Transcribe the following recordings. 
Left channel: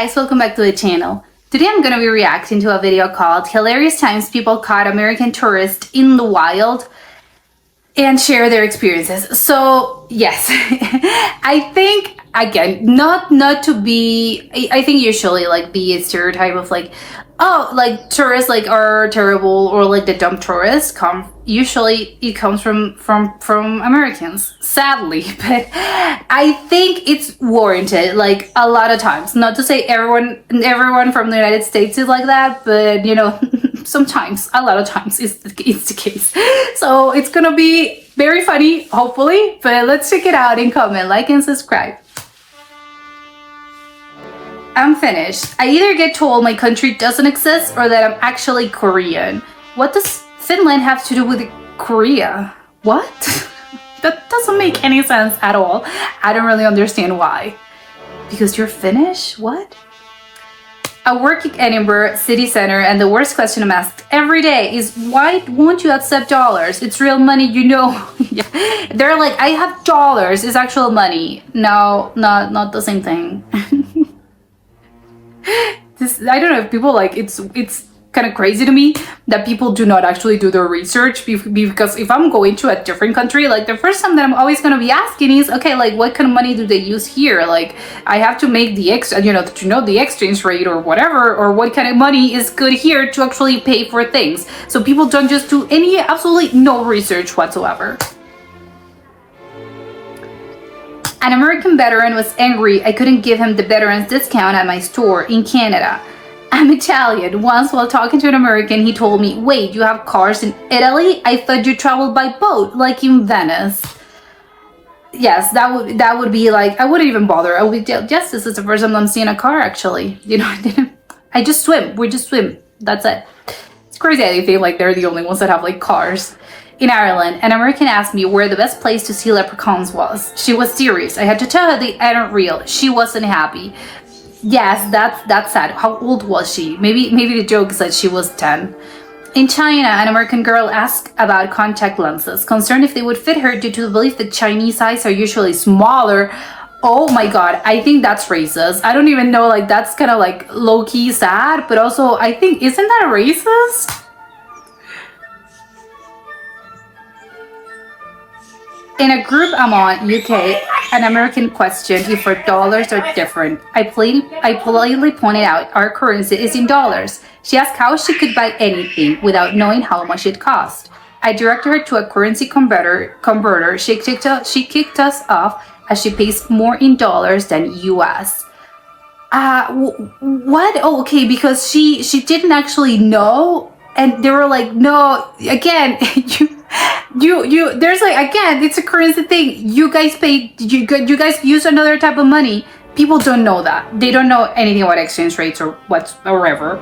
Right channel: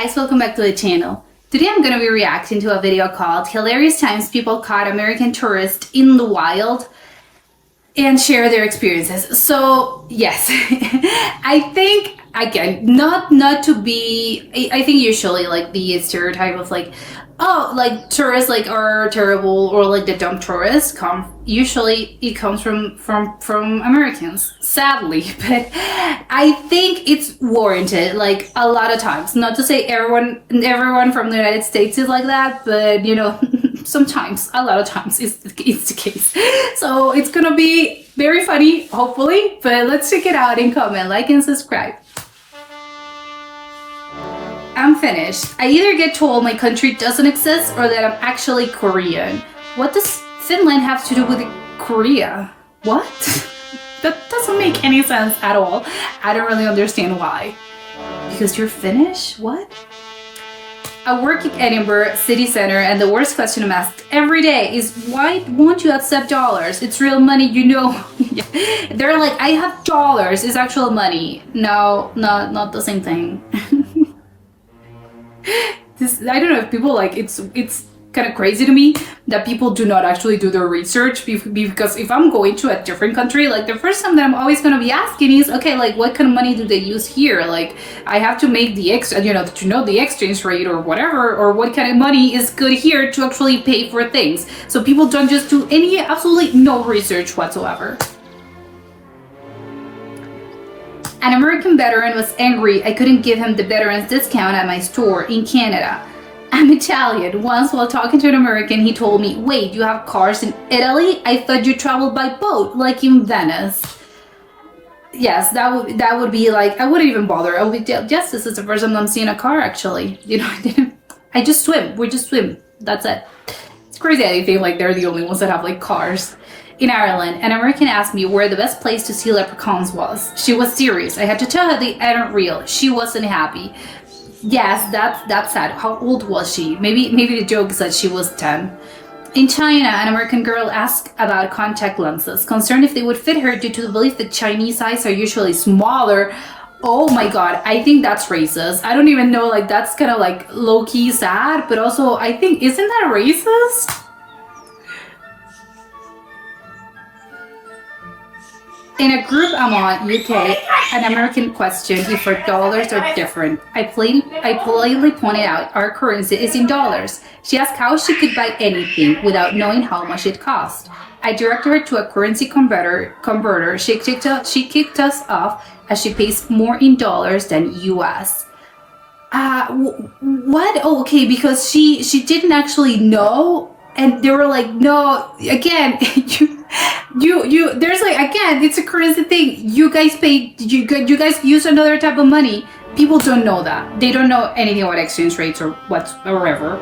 guys, welcome back to the channel. Today I'm going to be reacting to a video called Hilarious Times People Caught American Tourists in the Wild and share their experiences. So yes, I think, again, not to be, I think usually like the stereotype of like, oh, like tourists like are terrible, or like the dumb tourists usually it comes from Americans, sadly. But I think it's warranted like a lot of times. Not to say everyone from the United States is like that, but you know, sometimes, a lot of times it's the case. So it's gonna be very funny, hopefully. But let's check it out and comment, like, and subscribe. I'm finished. I either get told my country doesn't exist or that I'm actually Korean. What does Finland have to do with Korea? What? That doesn't make any sense at all. I don't really understand why. Because you're Finnish? What? I work in Edinburgh city center, and the worst question I'm asked every day is, why won't you accept dollars? It's real money, you know. They're like, I have dollars, it's actual money. No, not the same thing. I don't know if people like, it's kind of crazy to me that people do not actually do their research, because if I'm going to a different country, like the first time that I'm always going to be asking is, okay, like what kind of money do they use here? Like I have to make the the exchange rate or whatever, or what kind of money is good here to actually pay for things. So people don't just do absolutely no research whatsoever. An American veteran was angry I couldn't give him the veteran's discount at my store in Canada. I'm Italian. Once while talking to an American, he told me, wait, you have cars in Italy? I thought you traveled by boat, like in Venice. Yes, that would be like, I wouldn't even bother. I would be, yes, this is the first time I'm seeing a car, actually. You know, I just swim. We just swim. That's it. It's crazy. I think like they're the only ones that have like cars. In Ireland, an American asked me where the best place to see leprechauns was. She was serious. I had to tell her they aren't real. She wasn't happy. Yes, that's sad. How old was she? Maybe the joke is that she was 10. In China, an American girl asked about contact lenses, concerned if they would fit her due to the belief that Chinese eyes are usually smaller. Oh my god, I think that's racist. I don't even know, like that's kind of like low-key sad, but also I think, isn't that racist? In a group I'm on, UK, an American questioned if our dollars are different. I politely pointed out our currency is in dollars. She asked how she could buy anything without knowing how much it cost. I directed her to a currency converter. She kicked us off as she pays more in dollars than US. What? Oh, okay, because she didn't actually know, and they were like, no, again, you there's like, again, it's a currency thing. You guys pay, you guys use another type of money. People don't know that. They don't know anything about exchange rates or whatever.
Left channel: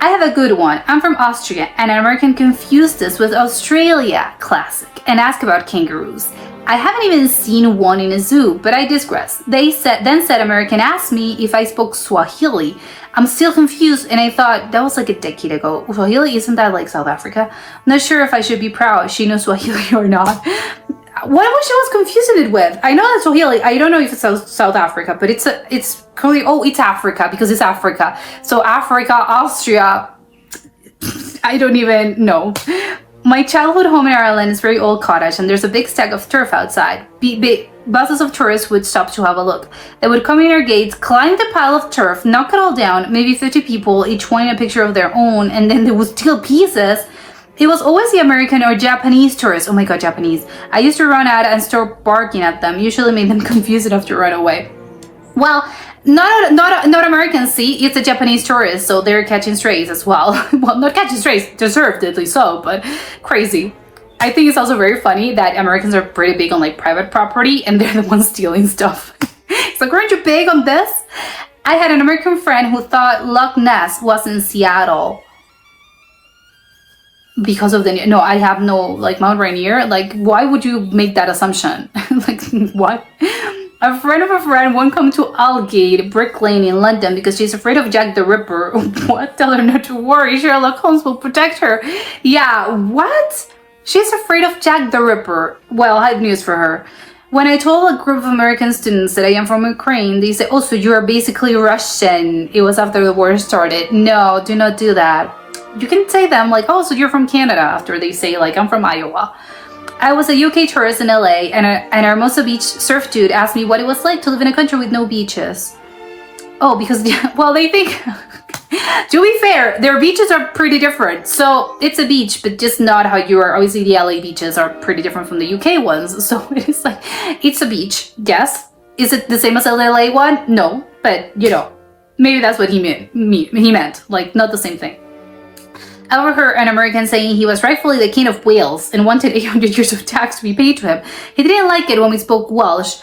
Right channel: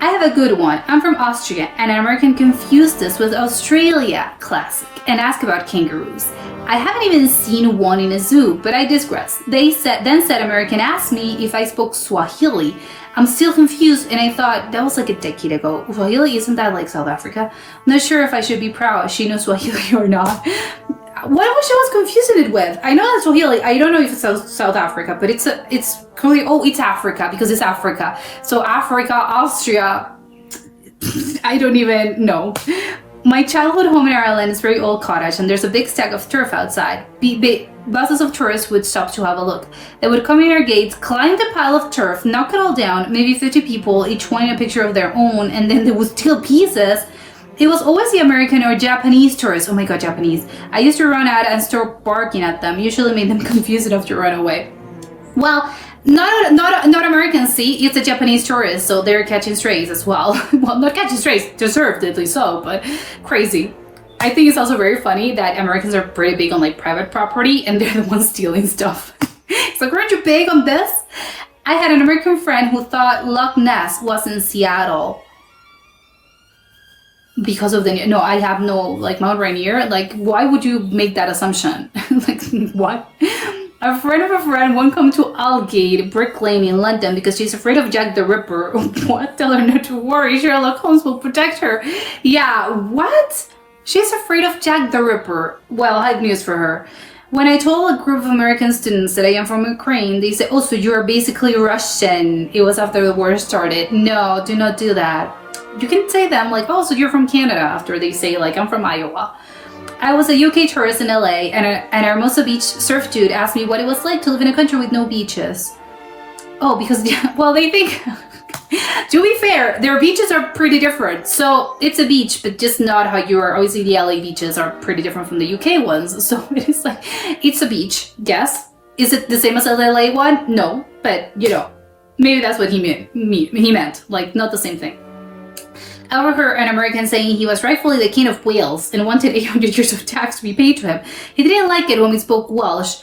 I have a good one. I'm from Austria, and an American confused this with Australia, classic, and asked about kangaroos. I haven't even seen one in a zoo, but I digress. Then said American asked me if I spoke Swahili. I'm still confused, and I thought that was like a decade ago. Swahili, isn't that like South Africa? I'm not sure if I should be proud she knows Swahili or not. What was she confusing it with? I know that Swahili, I don't know if it's South Africa, but it's clearly, oh, it's Africa, because it's Africa. So Africa, Austria, I don't even know. My childhood home in Ireland is a very old cottage, and there's a big stack of turf outside. Buses of tourists would stop to have a look. They would come in our gates, climb the pile of turf, knock it all down, maybe 50 people, each wanting a picture of their own, and then they would steal pieces. It was always the American or Japanese tourists. Oh my god, Japanese. I used to run out and start barking at them, usually made them confused enough to run away. Well, not Americans, see, it's a Japanese tourist, so they're catching strays as well. Well, not catching strays, deservedly so, but crazy. I think it's also very funny that Americans are pretty big on like private property, and they're the ones stealing stuff. It's like, weren't you big on this? I had an American friend who thought Loch Ness was in Seattle because of the, no, I have no like Mount Rainier. Like, why would you make that assumption? Like, what? A friend of a friend won't come to Aldgate, Brick Lane in London because she's afraid of Jack the Ripper. What? Tell her not to worry, Sherlock Holmes will protect her. Yeah, what? She's afraid of Jack the Ripper. Well, I have news for her. When I told a group of American students that I am from Ukraine, they said, oh, so you are basically Russian. It was after the war started. No, do not do that. You can say them like, oh, so you're from Canada, after they say like, I'm from Iowa. I was a UK tourist in LA, and our Hermosa Beach surf dude asked me what it was like to live in a country with no beaches. Oh, because, well, they think, to be fair, their beaches are pretty different. So it's a beach, but just not how you are. Obviously, the LA beaches are pretty different from the UK ones. So it's like, it's a beach, yes. Is it the same as the LA one? No, but you know, maybe that's what he meant, like not the same thing. I overheard an American saying he was rightfully the king of Wales and wanted 800 years of tax to be paid to him. He didn't like it when we spoke Welsh.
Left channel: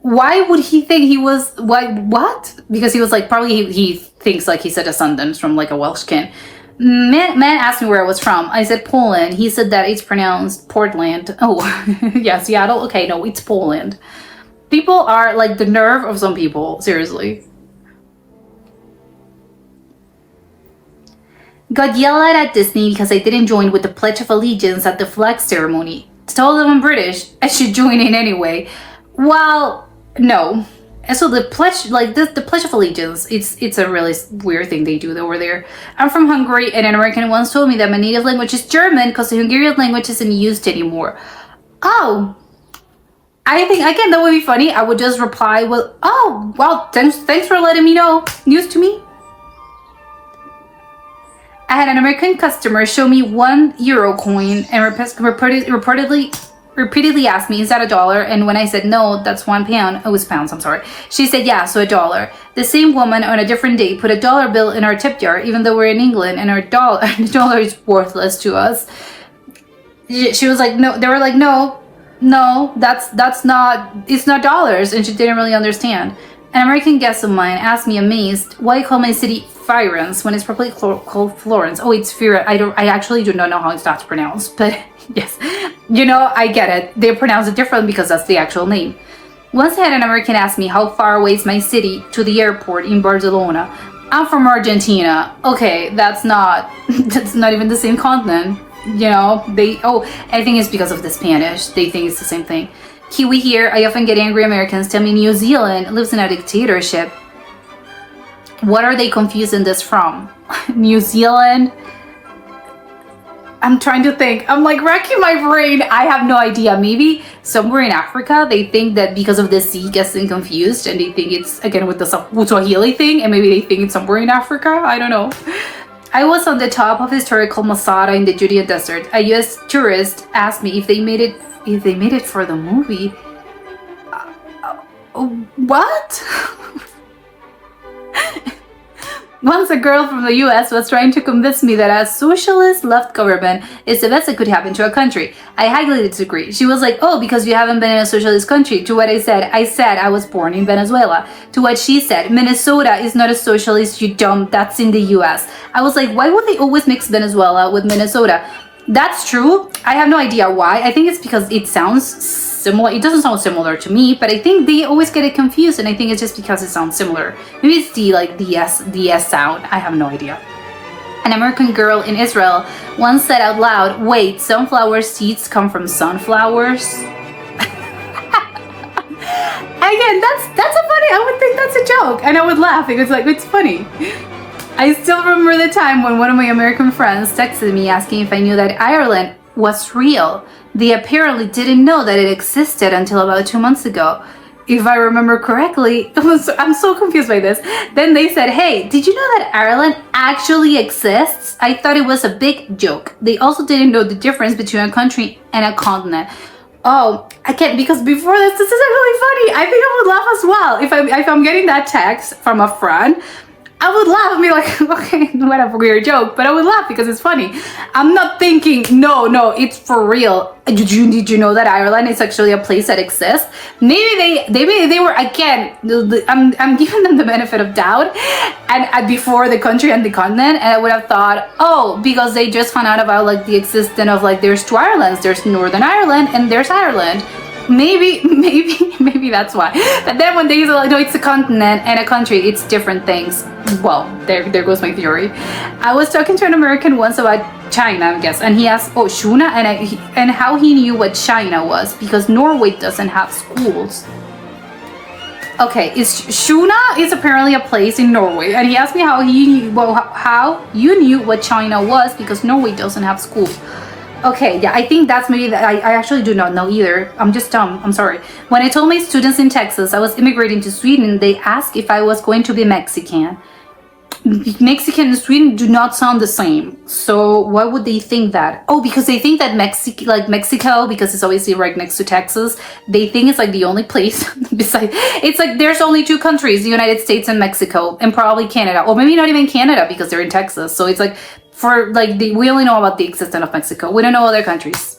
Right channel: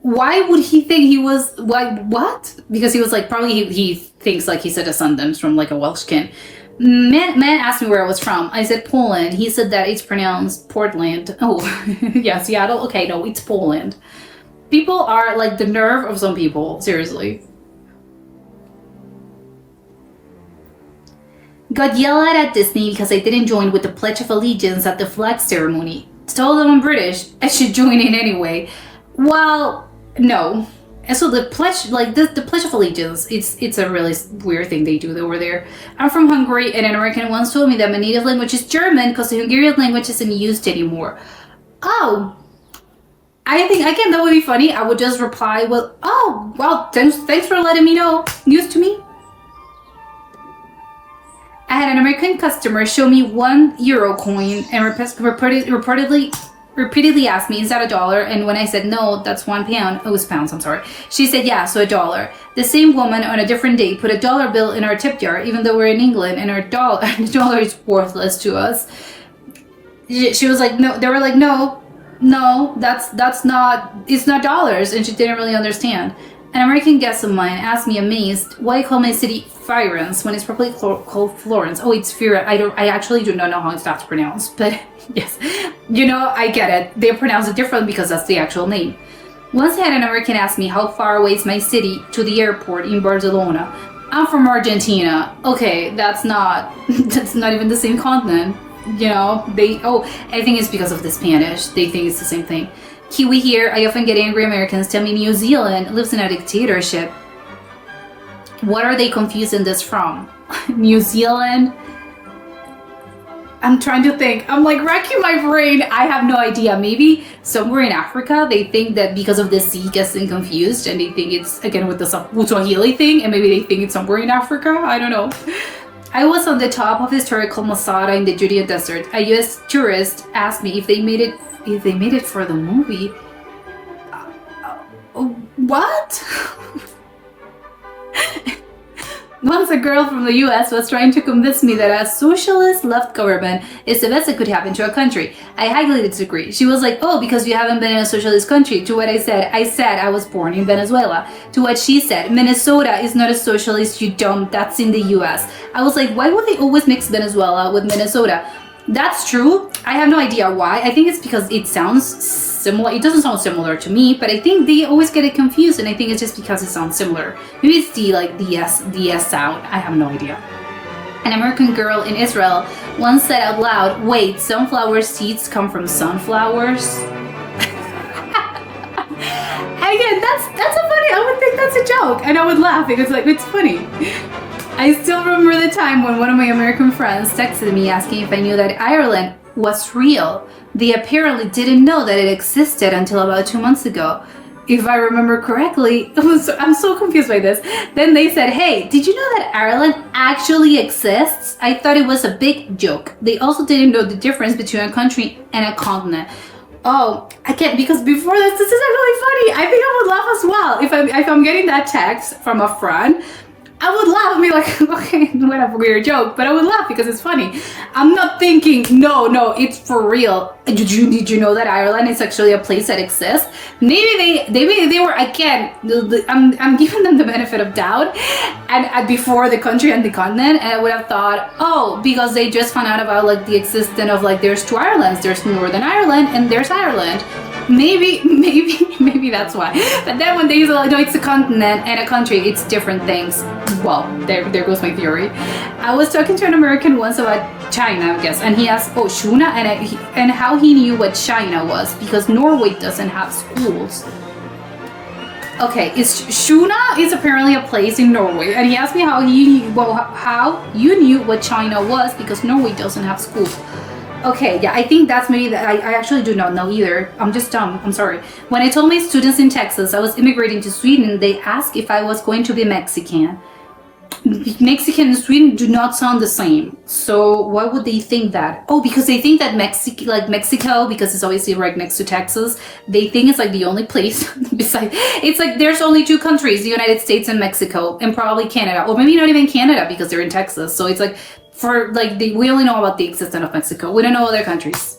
Why would he think he was, what? Because he was like, probably he thinks like he's a descendant from like a Welsh king. Man asked me where I was from. I said Poland. He said that it's pronounced Portland. Oh, yeah, Seattle? Okay, no, it's Poland. People are like the nerve of some people, seriously. Got yelled at Disney because I didn't join with the Pledge of Allegiance at the flag ceremony. Told them I'm British, I should join in anyway. Well, no. And so the pledge, like the Pledge of Allegiance, it's a really weird thing they do over there. I'm from Hungary, and an American once told me that my native language is German because the Hungarian language isn't used anymore. Oh, I think, again, that would be funny. I would just reply with, oh, well, thanks for letting me know. News to me. I had an American customer show me €1 coin and repeatedly asked me, is that $1? And when I said no, that's £1. Oh, it's pounds, I'm sorry. She said, yeah, so $1. The same woman on a different day put a dollar bill in our tip jar, even though we're in England and the dollar is worthless to us. She was like, no, they were like, no, that's not, it's not dollars. And she didn't really understand. An American guest of mine asked me, amazed, why I call my city Firenze when it's probably called Florence. Oh, it's Firenze. I actually do not know how that's pronounced, but yes, you know, I get it. They pronounce it different because that's the actual name. Once I had an American ask me how far away is my city to the airport in Barcelona. I'm from Argentina. Okay, that's not even the same continent. You know, I think it's because of the Spanish. They think it's the same thing. Kiwi here, I often get angry Americans tell me New Zealand lives in a dictatorship. What are they confusing this from? New Zealand? I'm trying to think. I'm like racking my brain. I have no idea. Maybe somewhere in Africa, they think that because of the sea gets them confused and they think it's, again, with the Swahili thing, and maybe they think it's somewhere in Africa. I don't know. I was on the top of historical Masada in the Judean desert. A US tourist asked me if they made it for the movie. What? Once a girl from the US was trying to convince me that a socialist left government is the best that could happen to a country. I highly disagree. She was like, oh, because you haven't been in a socialist country. To what I said I was born in Venezuela. To what she said, Minnesota is not a socialist, you dumb, that's in the US. I was like, why would they always mix Venezuela with Minnesota? That's true. I have no idea why. I think it's because it sounds similar. It doesn't sound similar to me, but I think they always get it confused, and I think it's just because it sounds similar. Maybe it's the S sound. I have no idea. An American girl in Israel once said out loud, wait, sunflower seeds come from sunflowers? Again, that's a funny, I would think that's a joke, and I would laugh because like, it's funny. I still remember the time when one of my American friends texted me asking if I knew that Ireland was real. They apparently didn't know that it existed until about 2 months ago. If I remember correctly, I'm so confused by this. Then they said, hey, did you know that Ireland actually exists? I thought it was a big joke. They also didn't know the difference between a country and a continent. Oh, I can't, because before this isn't really funny. I think I would laugh as well. If I'm getting that text from a friend, I would laugh and be like, okay, whatever, weird joke, but I would laugh because it's funny. I'm not thinking, no, it's for real. Did you know that Ireland is actually a place that exists? Maybe they were, again, I'm giving them the benefit of doubt, and before the country and the continent, and I would have thought, oh, because they just found out about like the existence of like, there's two Irelands, there's Northern Ireland and there's Ireland. Maybe that's why. But then when they say, like, no, it's a continent and a country, it's different things. Well, there goes my theory. I was talking to an American once about China, I guess. And he asked, oh, Shuna, and how he knew what China was, because Norway doesn't have schools. Okay, Shuna is apparently a place in Norway, and he asked me how how you knew what China was, because Norway doesn't have schools. Okay, yeah, I think that's maybe that I actually do not know either. I'm just dumb. I'm sorry. When I told my students in Texas I was immigrating to Sweden, they asked if I was going to be Mexican. Mexican and Sweden do not sound the same. So why would they think that? Oh, because they think that Mexico, because it's obviously right next to Texas, they think it's like the only place besides, it's like there's only two countries, the United States and Mexico, and probably Canada. Or maybe not even Canada because they're in Texas. So it's like, we only know about the existence of Mexico. We don't know other countries.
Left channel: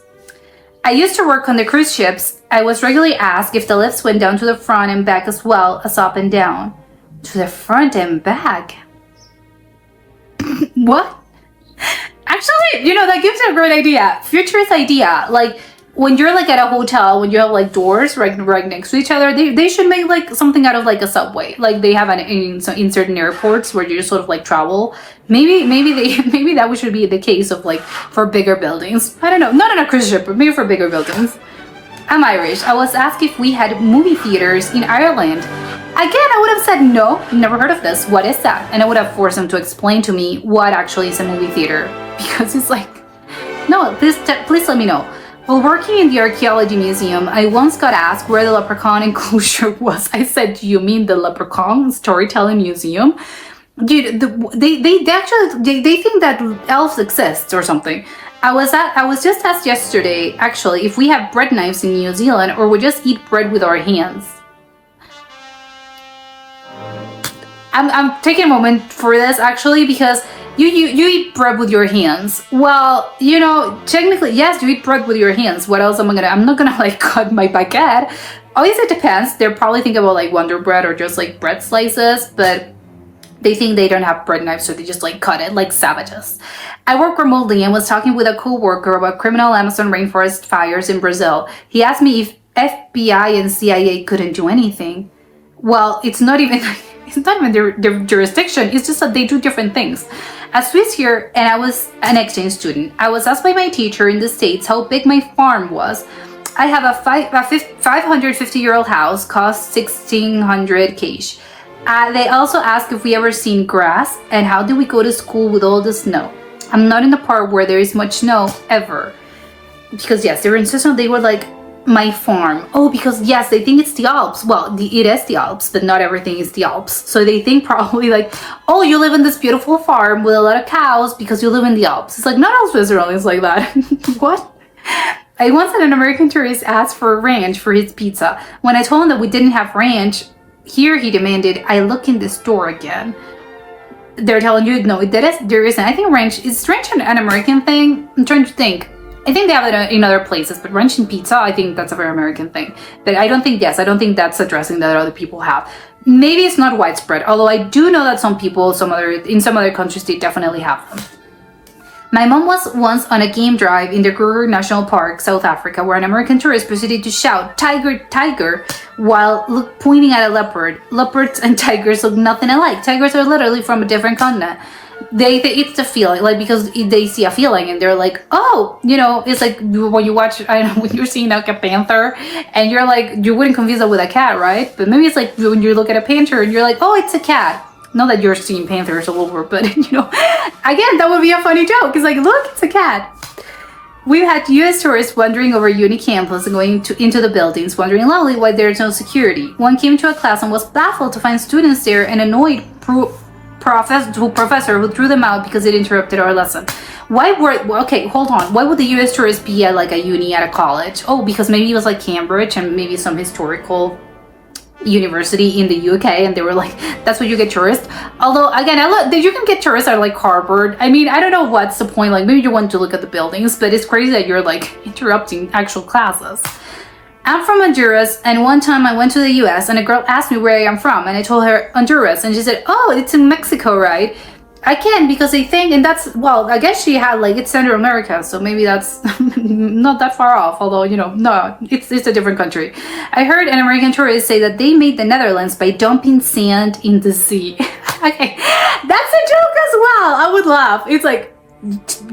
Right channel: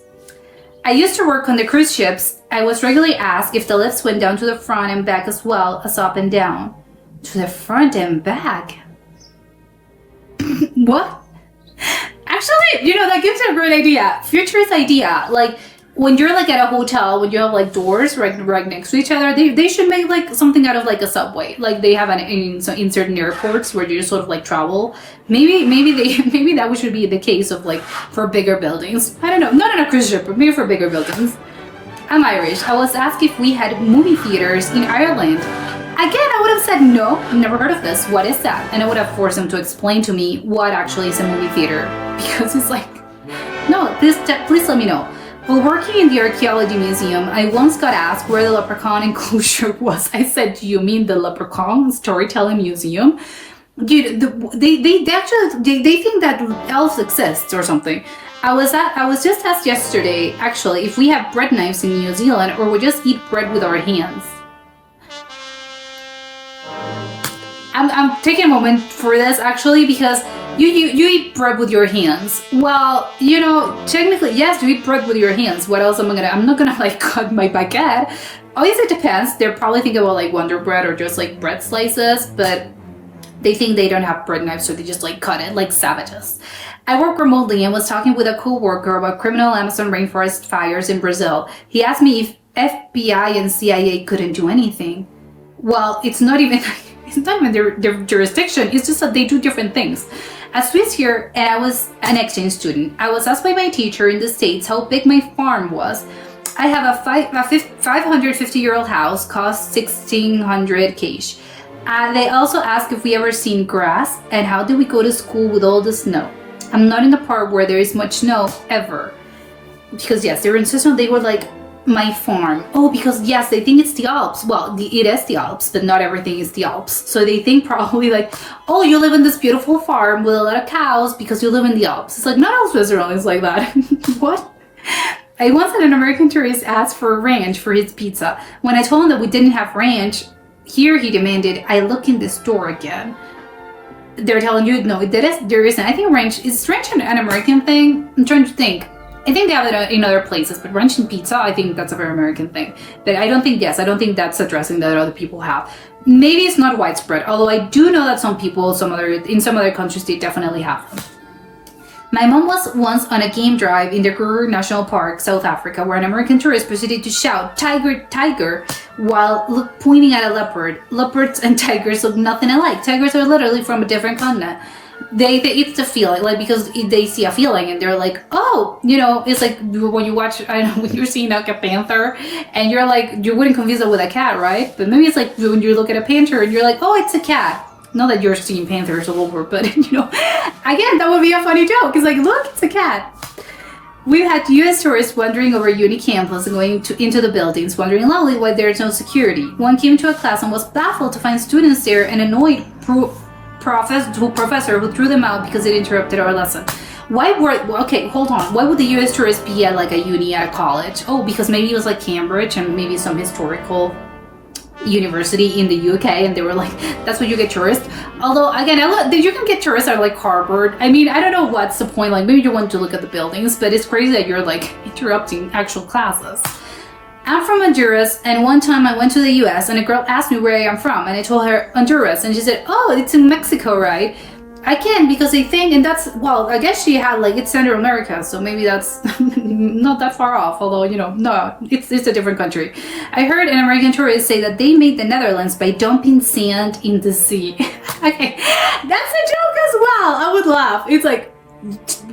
I used to work on the cruise ships. I was regularly asked if the lifts went down to the front and back as well as up and down. To the front and back? What? Actually, that gives you a great idea. Futurist idea. Like, when you're like at a hotel, when you have like doors right next to each other, they should make like something out of like a subway, like they have in certain airports where you sort of like travel. Maybe that should be the case of like for bigger buildings. I don't know, not on a cruise ship, but maybe for bigger buildings. I'm Irish. I was asked if we had movie theaters in Ireland. Again, I would have said no, never heard of this. What is that? And I would have forced them to explain to me what actually is a movie theater, because it's like, no, please let me know. While working in the archaeology museum, I once got asked where the leprechaun enclosure was. I said, do you mean the leprechaun storytelling museum? Dude, they actually think that elves exist or something. I was just asked yesterday, actually, if we have bread knives in New Zealand or we just eat bread with our hands. I'm taking a moment for this actually, because you eat bread with your hands. Well, technically, yes, you eat bread with your hands. What else I'm not gonna like cut my baguette. Obviously, it depends. They're probably thinking about like Wonder Bread or just like bread slices, but they think they don't have bread knives, so they just like cut it like savages. I work remotely and was talking with a co-worker about criminal Amazon rainforest fires in Brazil. He asked me if FBI and CIA couldn't do anything. Well, it's not even their jurisdiction. It's just that they do different things. A Swiss here, and I was an exchange student. I was asked by my teacher in the States how big my farm was. I have a 550-year-old house, cost 1,600 cash. They also asked if we ever seen grass and how do we go to school with all the snow. I'm not in the part where there is much snow ever. Because yes, they were insistent they were like, my farm. Oh, because yes, they think it's the Alps. Well, it is the Alps, but not everything is the Alps. So they think probably like, oh, you live in this beautiful farm with a lot of cows because you live in the Alps. It's like, not all Switzerland is like that. What? I once had an American tourist ask for ranch for his pizza. When I told him that we didn't have ranch, here he demanded I look in the store again. They're telling you, no, there isn't. I think ranch is an American thing. I'm trying to think. I think they have it in other places, but ranch and pizza, I think that's a very American thing. But I don't think that's a dressing that other people have. Maybe it's not widespread, although I do know that some people, in some other countries, they definitely have them. My mom was once on a game drive in the Kruger National Park, South Africa, where an American tourist proceeded to shout, "Tiger, tiger," while pointing at a leopard. Leopards and tigers look nothing alike. Tigers are literally from a different continent. It's the feeling, like, because they see a feeling and they're like, oh, it's like when you watch, I don't know, when you're seeing like a panther and you're like, you wouldn't confuse it with a cat, right? But maybe it's like when you look at a panther and you're like, oh, it's a cat. Not that you're seeing panthers all over, but again, that would be a funny joke. It's like, look, it's a cat. We had U.S. tourists wandering over uni campus and going into the buildings, wondering loudly why there's no security. One came to a class and was baffled to find students there and annoyed professor who threw them out because it interrupted our lesson. Okay, hold on. Why would the U.S. tourist be at like a uni at a college? Oh, because maybe it was like Cambridge and maybe some historical university in the UK, and they were like, that's what you get tourists. Although again, you can get tourists at like Harvard. I mean, I don't know what's the point. Like, maybe you want to look at the buildings, but it's crazy that you're like interrupting actual classes. I'm from Honduras, and one time I went to the US and a girl asked me where I am from, and I told her Honduras, and she said, oh, it's in Mexico, right? I can, because they think, and that's, well, I guess she had like, it's Central America, so maybe that's not that far off, although, no, it's a different country. I heard an American tourist say that they made the Netherlands by dumping sand in the sea. Okay, that's a joke as well. I would laugh. It's like,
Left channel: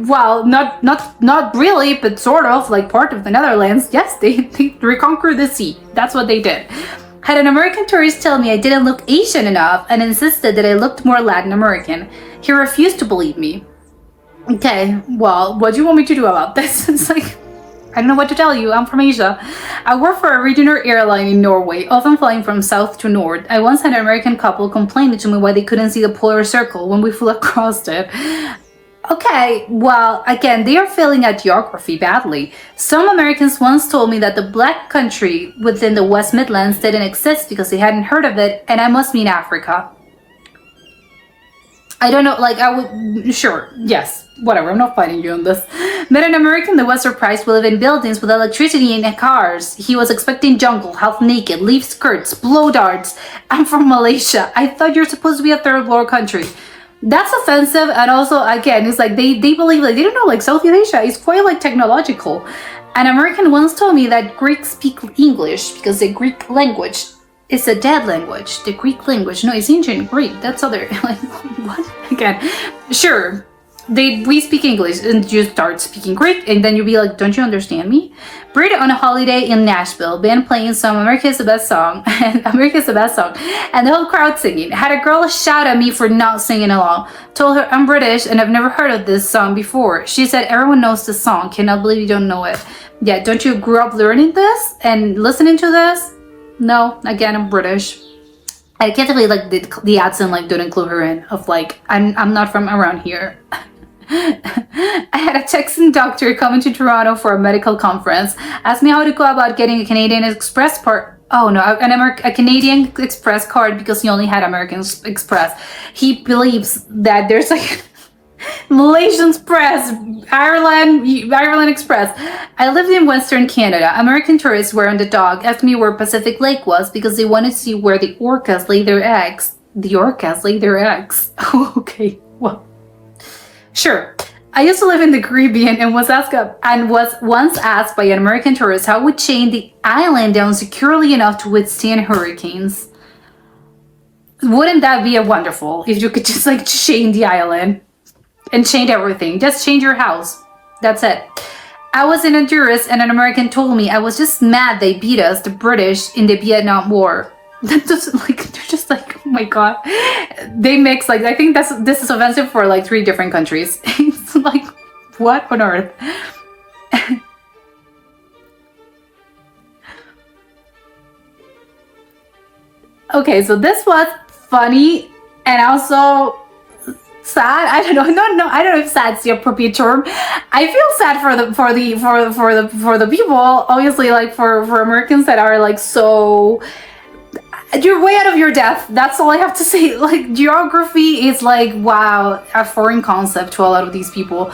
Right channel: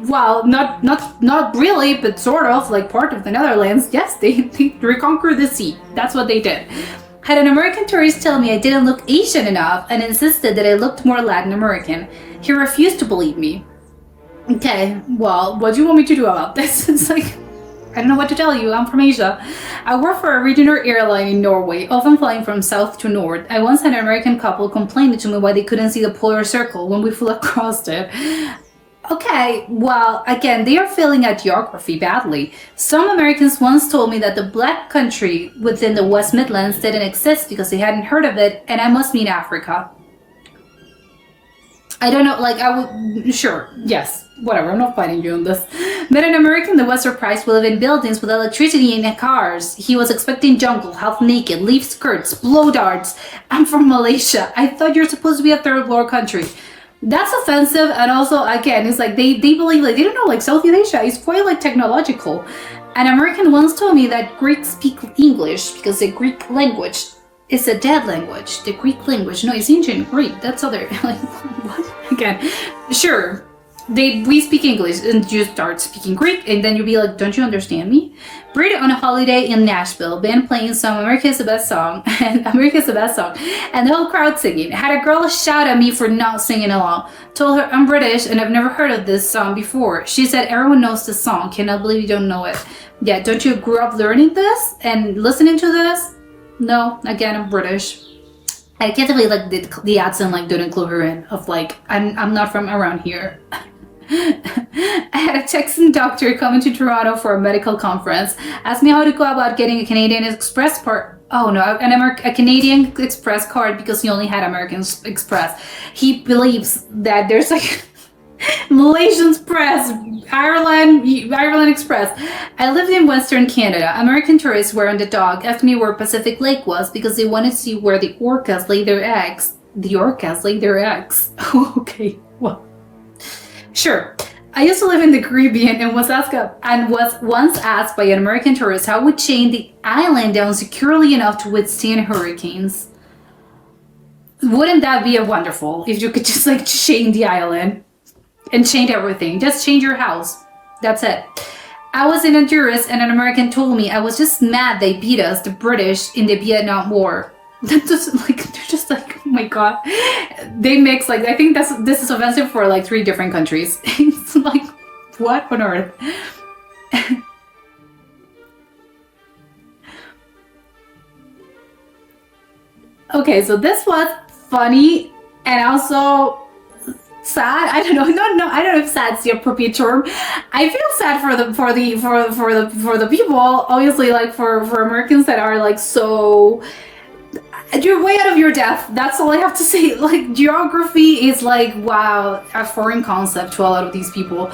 well, not really, but sort of like part of the Netherlands. Yes, they reconquered the sea. That's what they did. Had an American tourist tell me I didn't look Asian enough and insisted that I looked more Latin American. He refused to believe me. Okay, well, what do you want me to do about this? It's like, I don't know what to tell you. I'm from Asia. I work for a regional airline in Norway, often flying from south to north. I once had an American couple complaining to me why they couldn't see the polar circle when we flew across it. Okay, well, again, they are failing at geography badly. Some Americans once told me that the black country within the West Midlands didn't exist because they hadn't heard of it, and I must mean Africa. I don't know, like, I would, sure, yes, whatever, I'm not fighting you on this. Met an American that was surprised we live in buildings with electricity and cars. He was expecting jungle, half naked, leaf skirts, blow darts. I'm from Malaysia. I thought you're supposed to be a third world country. That's offensive, and also, again, it's like they believe, like, they don't know, like, Southeast Asia is quite, like, technological. An American once told me that Greeks speak English because the Greek language is a dead language. The Greek language, no, it's ancient Greek. That's other, like, what? Again, sure, we speak English, and you start speaking Greek, and then you'll be like, don't you understand me? Brit on a holiday in Nashville, band playing some America is the Best Song, and America is the Best Song, and the whole crowd singing. Had a girl shout at me for not singing along. Told her I'm British and I've never heard of this song before. She said everyone knows this song. Cannot believe you don't know it. Yeah, don't you grow up learning this and listening to this? No, again, I'm British. I can't believe like the accent like didn't clue her in of like I'm not from around here. I had a Texan doctor come into Toronto for a medical conference. Asked me how to go about getting a Canadian Express part. Oh no, a Canadian Express card because he only had American Express. He believes that there's like Malaysian Express, Ireland Express. I lived in Western Canada. American tourists were on the dock asked me where Pacific Lake was because they wanted to see where the orcas lay their eggs. The orcas lay their eggs. Oh, okay, well. Sure. I used to live in the Caribbean and was once asked by an American tourist how would chain the island down securely enough to withstand hurricanes. Wouldn't that be wonderful if you could just like chain the island and chain everything? Just change your house. That's it. I was in Honduras and an American told me I was just mad they beat us, the British, in the Vietnam War. That doesn't like they're just like, oh my god, they mix like I think this is offensive for like 3 different countries. It's like what on earth? Okay, so this was funny and also sad. I don't know. No, I don't know if sad's the appropriate term. I feel sad for the people. Obviously, like for Americans that are like so. You're way out of your depth. That's all I have to say. Like geography is like wow, a foreign concept to a lot of these people.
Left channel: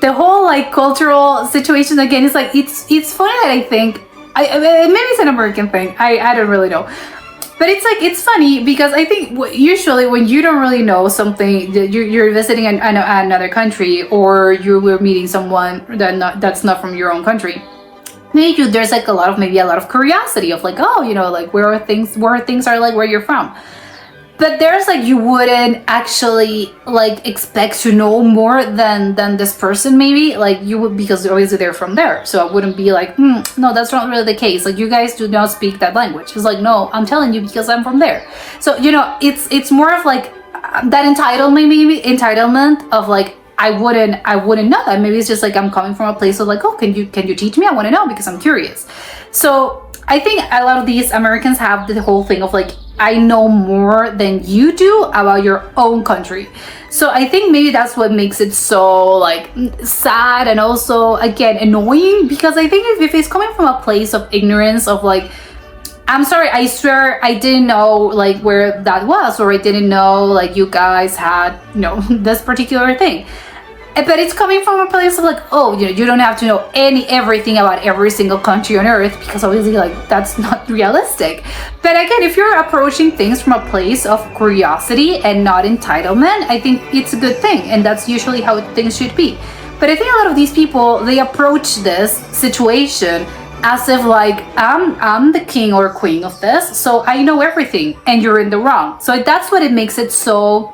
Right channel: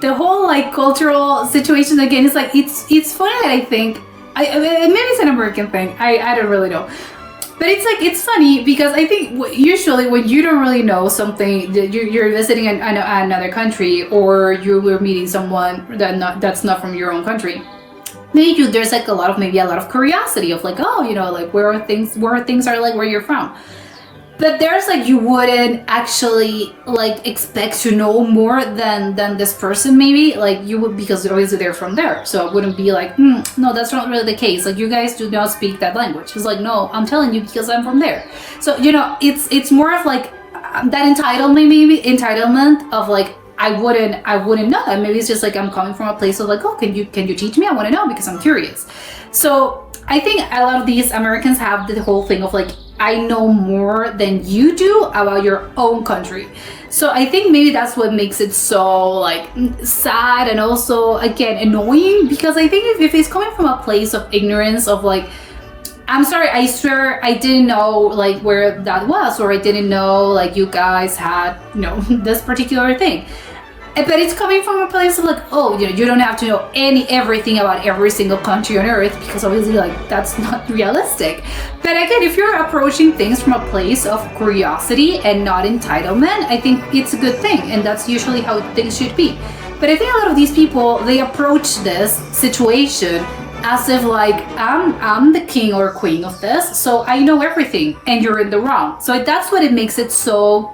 The whole like cultural situation again is like it's funny. I think maybe it's an American thing. I don't really know. But it's like it's funny because I think usually when you don't really know something, you're visiting another country or you were meeting someone that's not from your own country. Maybe there's like a lot of curiosity of like, oh, you know, like where things are like where you're from. But there's like you wouldn't actually like expect to know more than this person maybe like you would because obviously they're from there. So it wouldn't be like no, that's not really the case. Like you guys do not speak that language. It's like no, I'm telling you because I'm from there. So you know it's more of like that entitlement of like I wouldn't know that. Maybe it's just like I'm coming from a place of like oh can you teach me? I want to know because I'm curious. So I think a lot of these Americans have the whole thing of like I know more than you do about your own country. So I think maybe that's what makes it so like sad and also again annoying because I think if it's coming from a place of ignorance of like I'm sorry, I swear I didn't know like where that was or I didn't know like you guys had this particular thing. But it's coming from a place of like, oh, you don't have to know everything about every single country on earth because obviously like that's not realistic. But again, if you're approaching things from a place of curiosity and not entitlement, I think it's a good thing and that's usually how things should be. But I think a lot of these people, they approach this situation as if like I'm the king or queen of this, so I know everything and you're in the wrong. So that's what it makes it so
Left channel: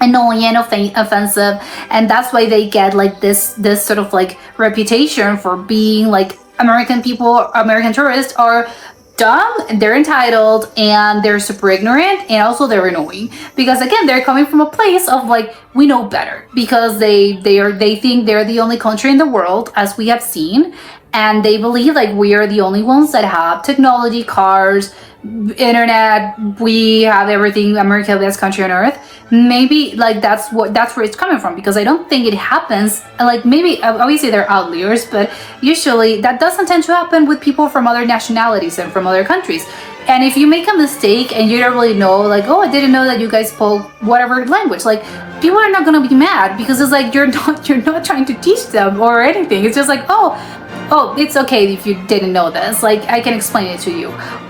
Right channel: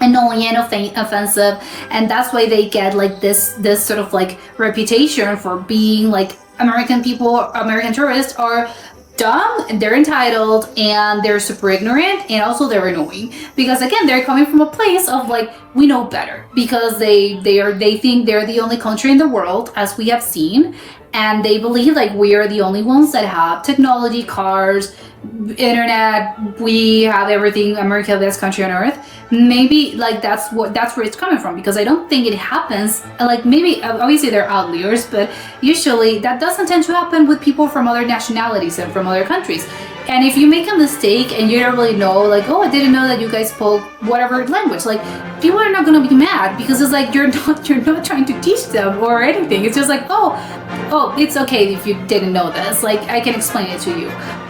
annoying and offensive, and that's why they get like this sort of like reputation for being like American people, American tourists are dumb, they're entitled, and they're super ignorant, and also they're annoying because again they're coming from a place of like we know better because they think they're the only country in the world, as we have seen, and they believe like we are the only ones that have technology, cars, internet, we have everything, America, the best country on earth. Maybe like that's where it's coming from, because I don't think it happens, like maybe obviously they're outliers, but usually that doesn't tend to happen with people from other nationalities and from other countries. And if you make a mistake and you don't really know, like, oh, I didn't know that you guys spoke whatever language, like people are not gonna be mad because it's like you're not trying to teach them or anything. It's just like, oh, it's okay if you didn't know this, like I can explain it to you.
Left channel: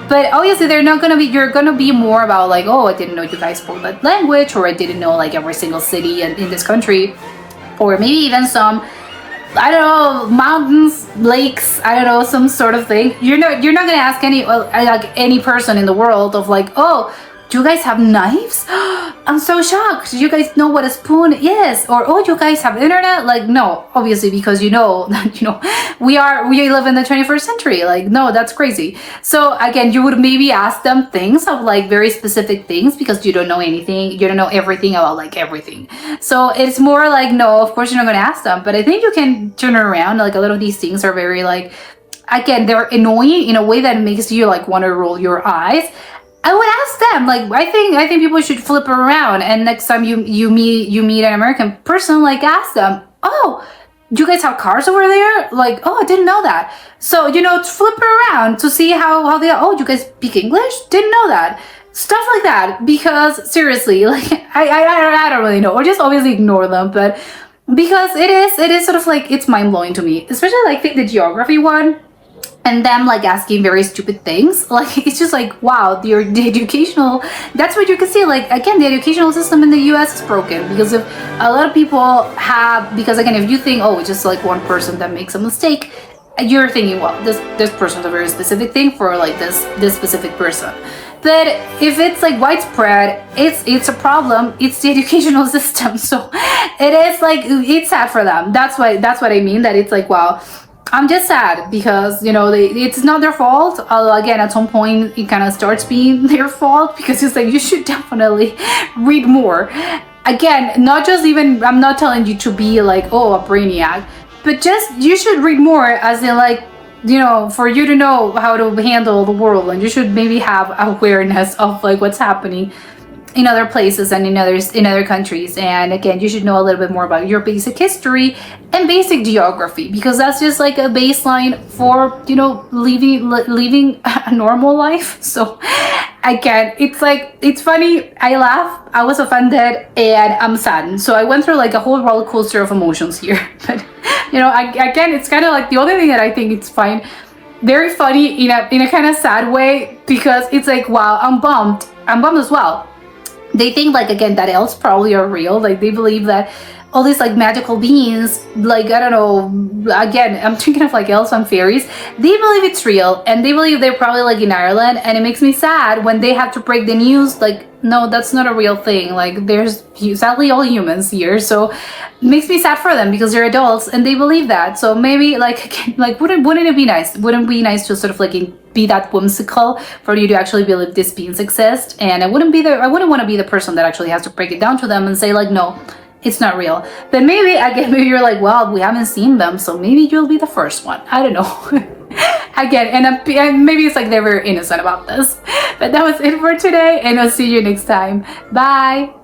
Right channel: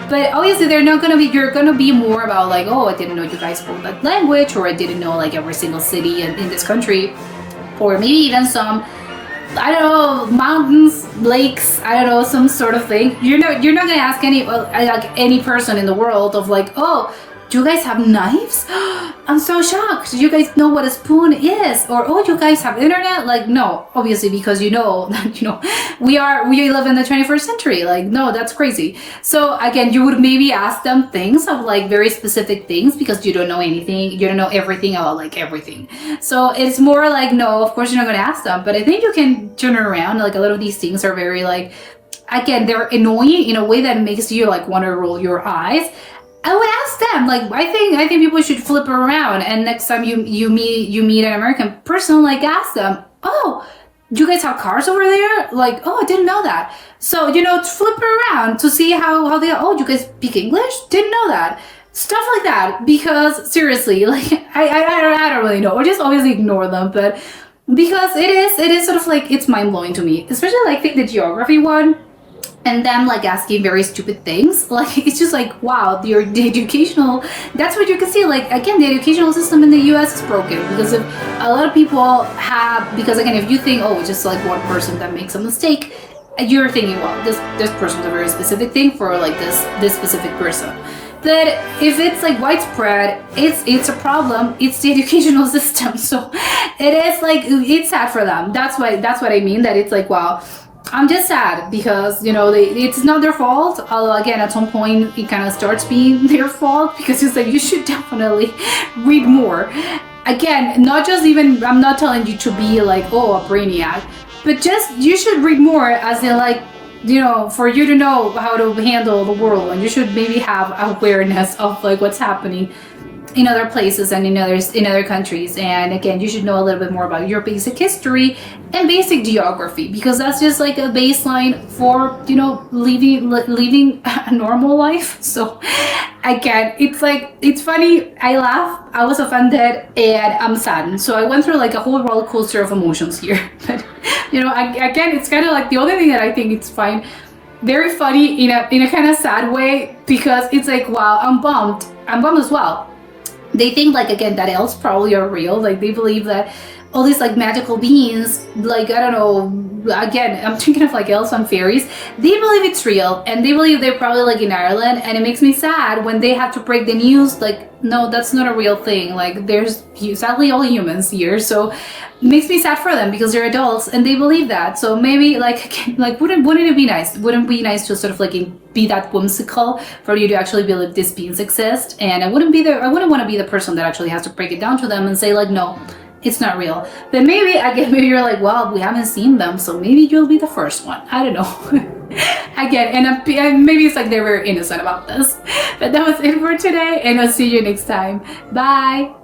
But obviously they're not gonna be, you're gonna be more about like, oh, I didn't know you guys spoke that language, or I didn't know like every single city in this country, or maybe even some, I don't know, mountains, lakes, I don't know, some sort of thing. You're not gonna ask any person in the world of like, oh, do you guys have knives? I'm so shocked. Do you guys know what a spoon is? Or oh, you guys have internet? Like no, obviously, because you know that we live in the 21st century. Like no, that's crazy. So again, you would maybe ask them things of like very specific things because you don't know anything. You don't know everything about like everything. So it's more like no, of course you're not gonna ask them. But I think you can turn it around. Like a lot of these things are very like, again, they're annoying in a way that makes you like want to roll your eyes. I would ask them, like, I think people should flip it around, and next time you meet an American person, like ask them, oh, do you guys have cars over there? Like, oh, I didn't know that. So flip it around to see how they are. Oh, do you guys speak English? Didn't know that. Stuff like that, because seriously, like I don't really know, or just obviously ignore them, but because it is sort of like it's mind blowing to me, especially like think the geography one. And them like asking very stupid things, like it's just like wow, the educational, that's what you can see, like again the educational system in the US is broken because of a lot of people have, because again if you think oh it's just like one person that makes a mistake, you're thinking well this person's a very specific thing for like this specific person. But if it's like widespread, it's a problem. It's the educational system, so it is like it's sad for them. That's what I mean, that it's like wow, I'm just sad because it's not their fault. Although again, at some point it kind of starts being their fault because it's like you should definitely read more. Again, not just even, I'm not telling you to be like oh a brainiac, but just you should read more, as in like for you to know how to handle the world, and you should maybe have awareness of like what's happening in other places and in other countries. And again, you should know a little bit more about your basic history and basic geography, because that's just like a baseline for living a normal life. So again, it's like it's funny, I laugh, I was offended, and I'm saddened. So I went through like a whole roller coaster of emotions here. But again, it's kind of like the only thing that I think it's fine, very funny in a kind of sad way, because it's like wow, I'm bummed as well. They think like again that elves probably are real, like they believe that all these like magical beings, like I don't know, again I'm thinking of like elves and fairies, they believe it's real, and they believe they're probably like in Ireland, and it makes me sad when they have to break the news like no, that's not a real thing, like there's sadly all humans here. So it makes me sad for them because they're adults and they believe that. So maybe like wouldn't it be nice, wouldn't it be nice to sort of like be that whimsical for you to actually believe these beings exist? And I wouldn't want to be the person that actually has to break it down to them and say like no, it's not real. But maybe maybe you're like, well, we haven't seen them, so maybe you'll be the first one. I don't know. Again, and maybe it's like they're very innocent about this. But that was it for today, and I'll see you next time. Bye.